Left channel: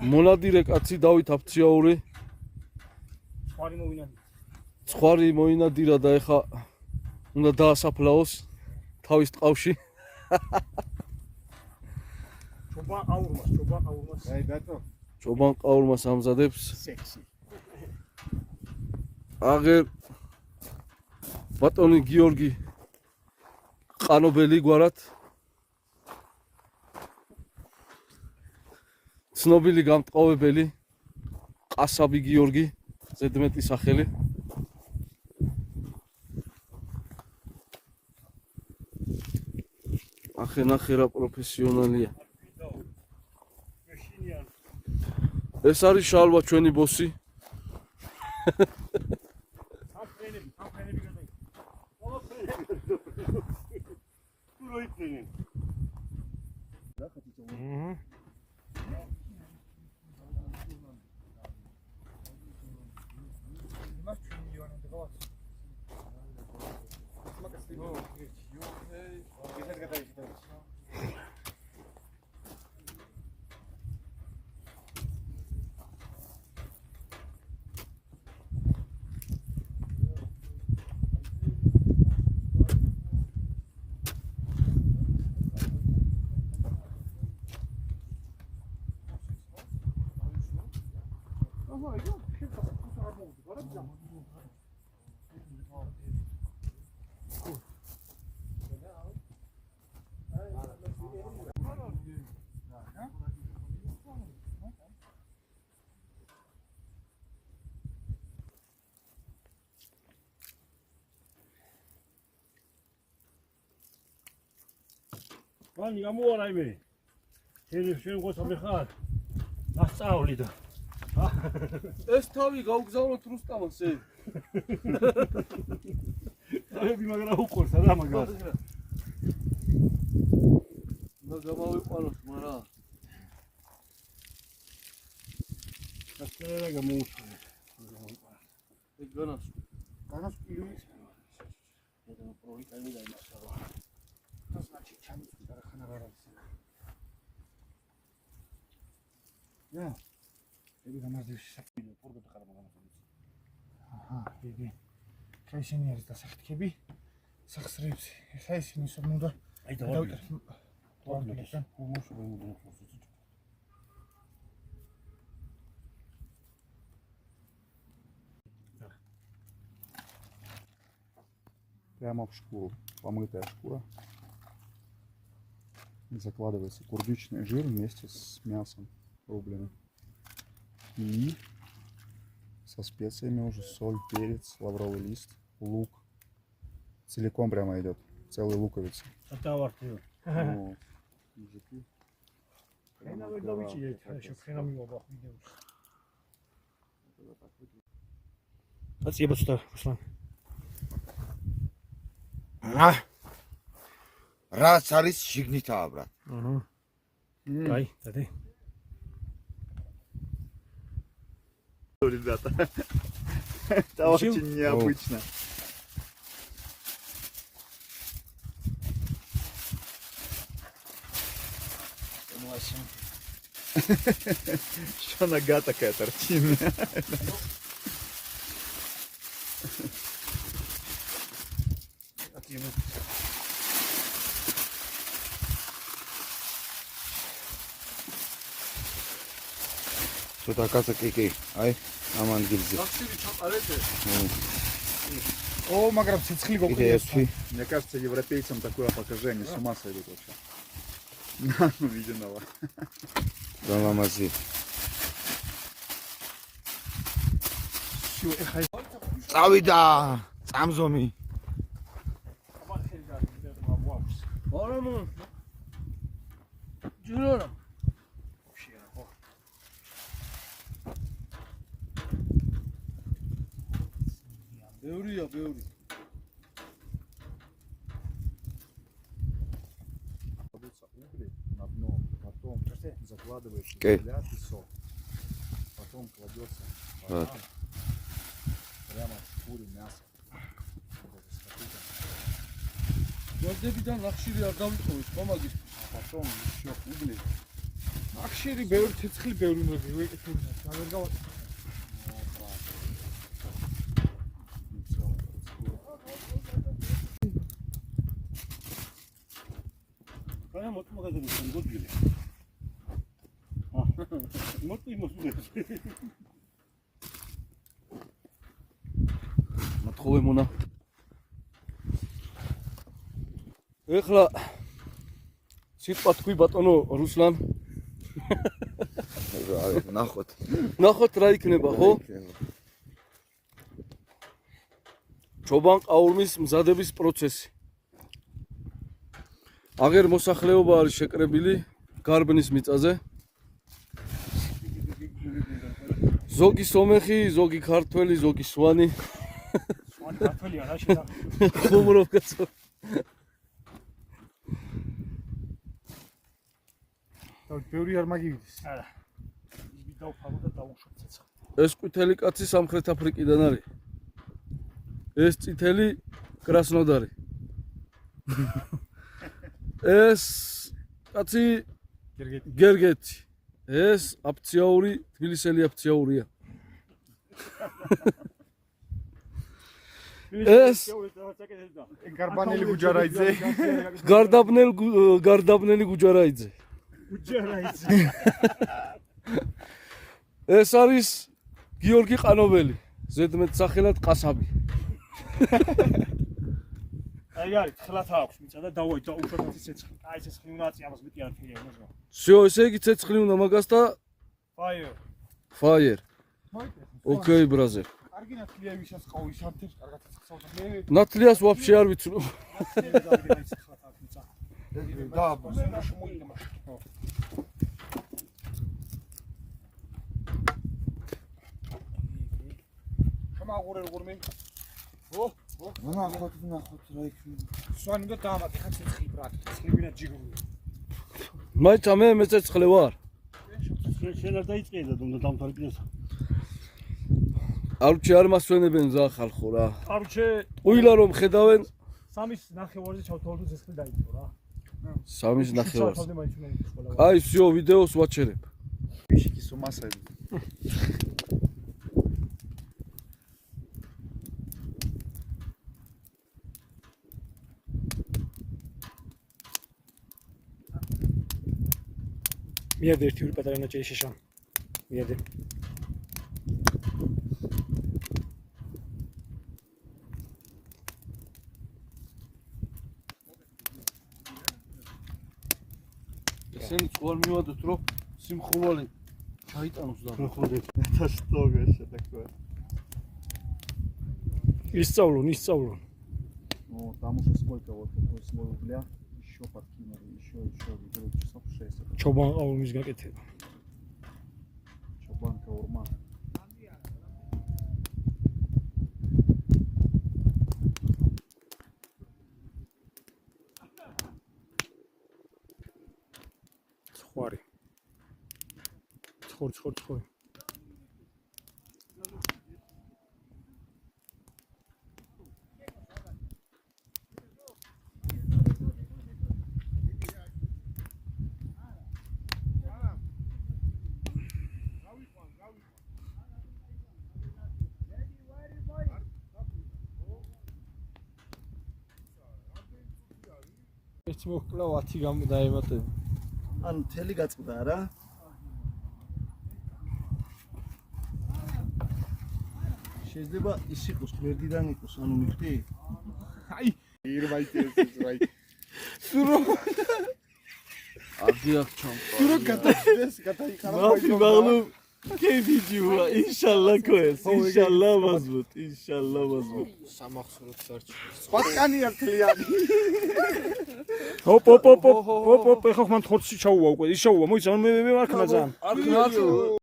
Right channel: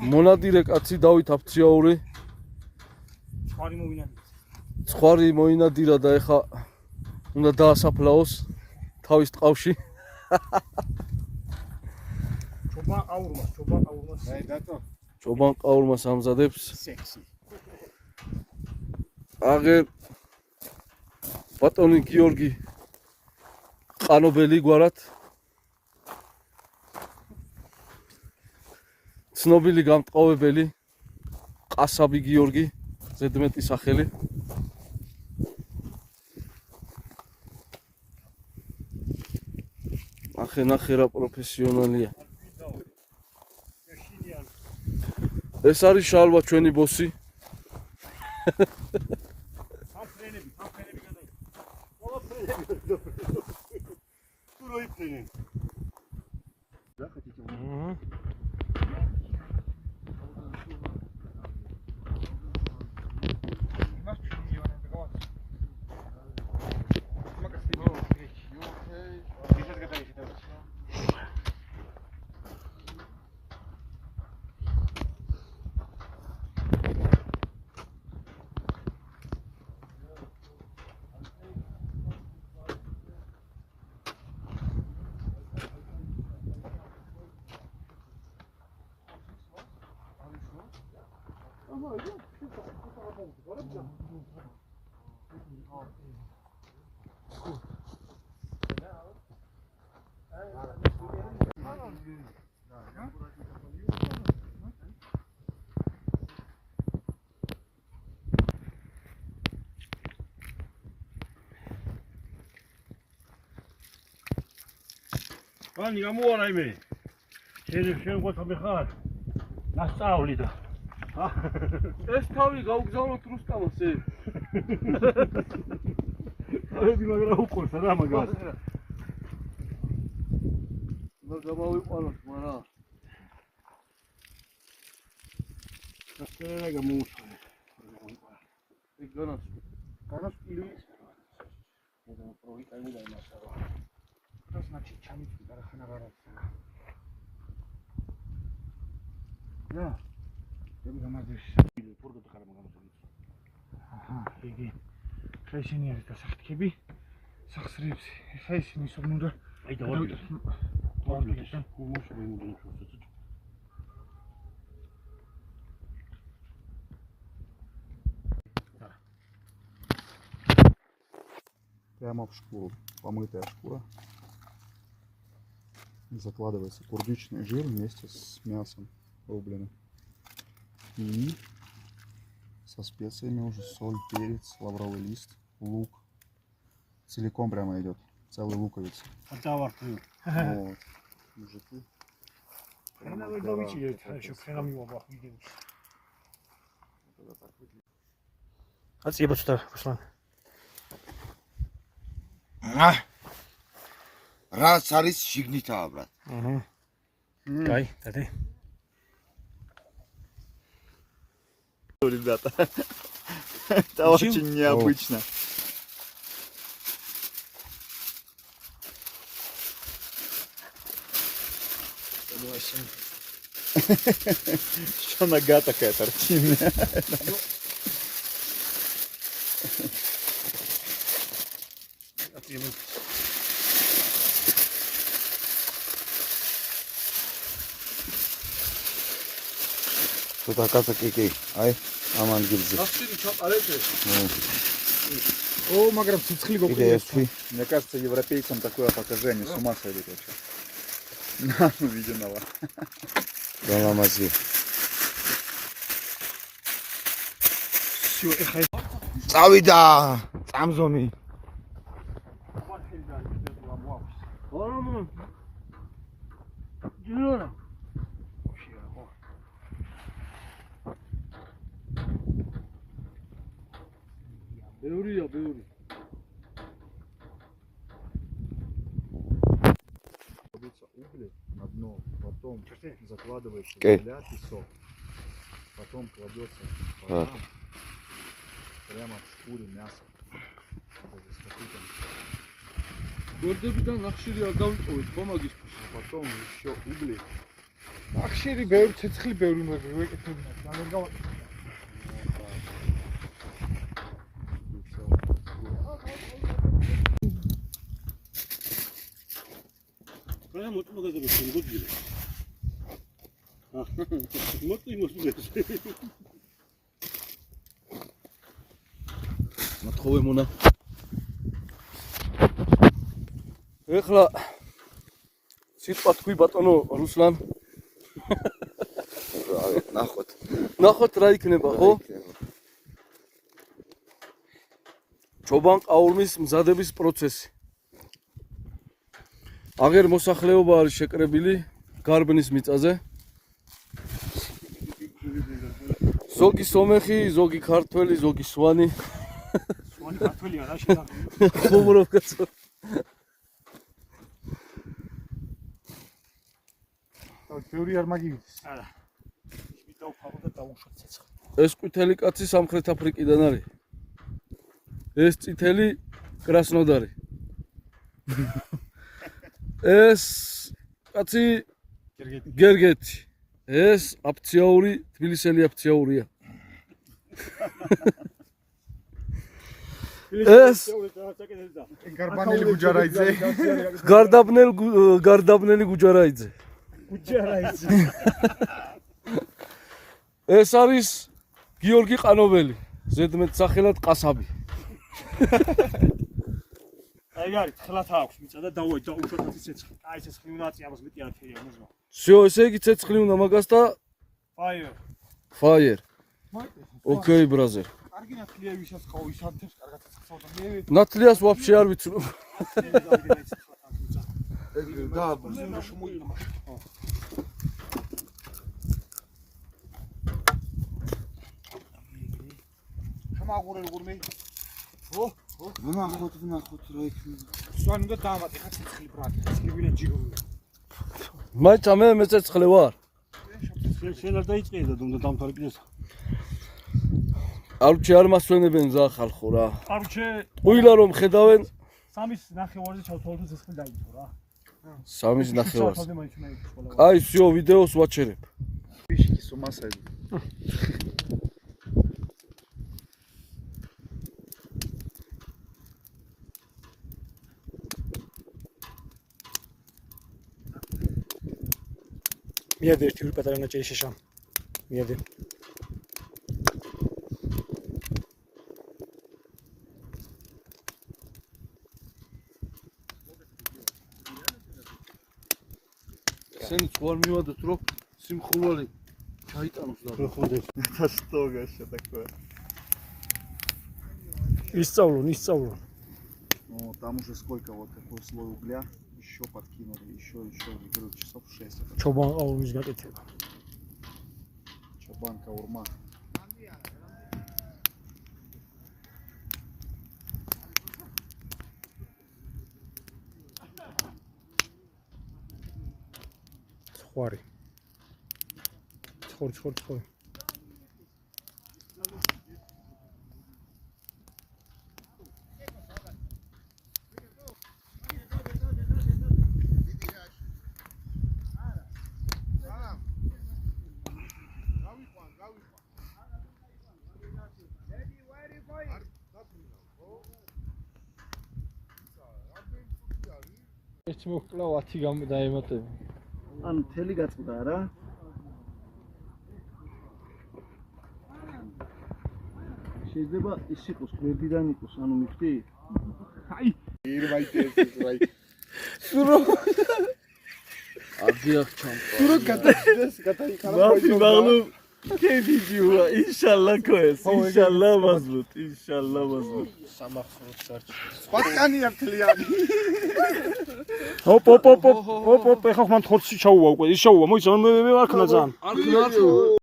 მონადირე კაცი დავით აფციაური. ცხარი მოინადირა და ეხა უნდა დაასაფლაოს თავის ტყავში. ჩობან ყაურმას ამზადებს. აგერ ბატონი გიორგი ყანობელი გვარად. ცნობილი გამტყავებელი ყასაბი გიორგი, ზედმეტი სახელი. ახენახერა პროფესიონალია. ეს არის შალვა ჩვენი ბოსი. Ani გამოარა იმე. შენ გოთამე ხარ. ნასწავლი და. ეს თავი გაუგზავნოთ რუსტამას ე. აიდი მაგრა უყურს რა მაგას. გამავიყვანოთ მარა. დასწრება გამოუცხო. ეგ განას. განასკილი. ედა პროვიკალი და იმასაო. Das значит ჩამიწვი და ხანა ვარაცა. და ეს გამაზეში პორტო ხარ მაგამოწონი. აჰა, იგი ხეშინი არის დასახტკები. სახსრებს. ხა ისინი სულ უნდა აი დავიდე. Прямо в шкуру, помытая шкура. Закладывается курдючный жир вместе с мясом рубленым. И со специями уже соль, перец, лавровый лист, лук. Целиком прямо идет, целая луковица. Вот. Мужики. Спасибо, что пошла. რაც არის შიგნითაა ბრატ. აჰა. კაი, დადე. Ребята, это очень необычно. Что нога такая торчинная? Что-то оказывается, ай, аман гильзи. О, маграм, цицхли гопли. Мне кажется, европейцам такое покажи, они с ума сойдут вообще. На, увиденного. Галамази. Цавида, цамзоми. ბევრია, ბევრი. Кладутся угли на дно, потом закладывается земля, песок, потом кладется вода, прямо в шкуре мясо. Гордебიდან ნახშირი არ დავიტოვეთ, მომაგის. Потом еще угли ხშირი ბევრი ცეცხლი ბევრი ვეკეთებინა და ვერ გავაკეთე. მე მოწმობაზე მოგიდგე. მოწმობაზე. მოთხოვე მონა. ეხლა სიტყვა თქვი ბატონო რუსლან. ნახოთ რა იქნება, ხო? ჩობან ყაურმის მზადების პროცესი. აღერ მოსახლეობა არის შეკრებილი გარბნის მიწაზე. ზოგი სომეხი, ზოგი ქართველი, ზოგი სვანი. სვანი ქართველია რა შედა. ხუმრობ კაცო. ბევრი არ მაგივიდეს. არა. ის დავფარო და დაუშვებ ცეცხლი. ეს ყვითელი კაცი სამხრეთ აფრიკიდან არის. ეს წითელი კრასნოდარი. ეს კაცი გერგეთი. ეს აფციაური, თბილისელი აფციაურია. ეს გარბანელი გუჯარაიძე. გარდაბნელი გუჯარაიძე. გუჯარაიძე. ეს არის გიორგი ყანოველი, ზედმეტ სახელად ყასაბი. აი არის ხლათა აქვს მიწა და დაუშვათ ეს ცეცხლი. აი ეს ხილნაცი ამას მეტი არქერია მოზვა. всё, ესე იგი ცეცხლი უნდა მაგას და fire. Okay, brother. კარგი ნათლია ვისაც ყოვის ადებს, კარგად ცეცხლსავდა. ნათლიას вообще არ ვიცნობ. და ზემოში მოიდგა. შემაგურე როგორმე? ნახოთ რა იქნება. სვანი და დამატე ხა ცეცხლი ბრატ. ცეცხლიდან ჯიგური. მაიცა მე მეცეცხლე ვარ. შენ არ დაიწყიე და უნდა დამთავრდეს. არჩე არ მასვენებენ ზა ხალხო რა. არჩე ყვილა რომ ხედავენ სამის ნახევარზე ჩავთვალოთ ცეცხლი დაიწყო რა. სამის ნახევარს. აი, всё, ვიდეოს ვაჩერებ. Пищики с ума сойдут. მიადე ერთი ორი პატარა ნაჭერი შეშამ. მიადე. ესენი წوال მივადოთ რომ სიმხურვალი ჩაიტანოს და ხოდე. Это что, вообще такое? ისწავლონ. Ну, там уже сколько, вот такой слой угля. Еще подкинули, еще, говорю, часов 6. Это ჩობან ყაურმის გაკეთება. чабанка урма. ხვარი. ცხორი. ეს მოკლა 10 გამოდაემატე. ანუ თელი გაწყდა რა. შეიძლება ის იყოს გვერდიდან იყოს, ანუ მივხვდი? აი, ირმაიტეს. სურო აძიახ ჩამყვა. სურო გადაიხარა. მაფი მაღლუ კედიჯუა, ინშალლა ქოეს. ინშალლა მაზლუტ. სამახსოვროდ სარჩი. სპატკანი ართლიანი. ოპ, ეხა ხმან ხორცი ჩაუვა უკვე. ის ჩაუვა, მოიცა მე არ ქნა ძალიან. არ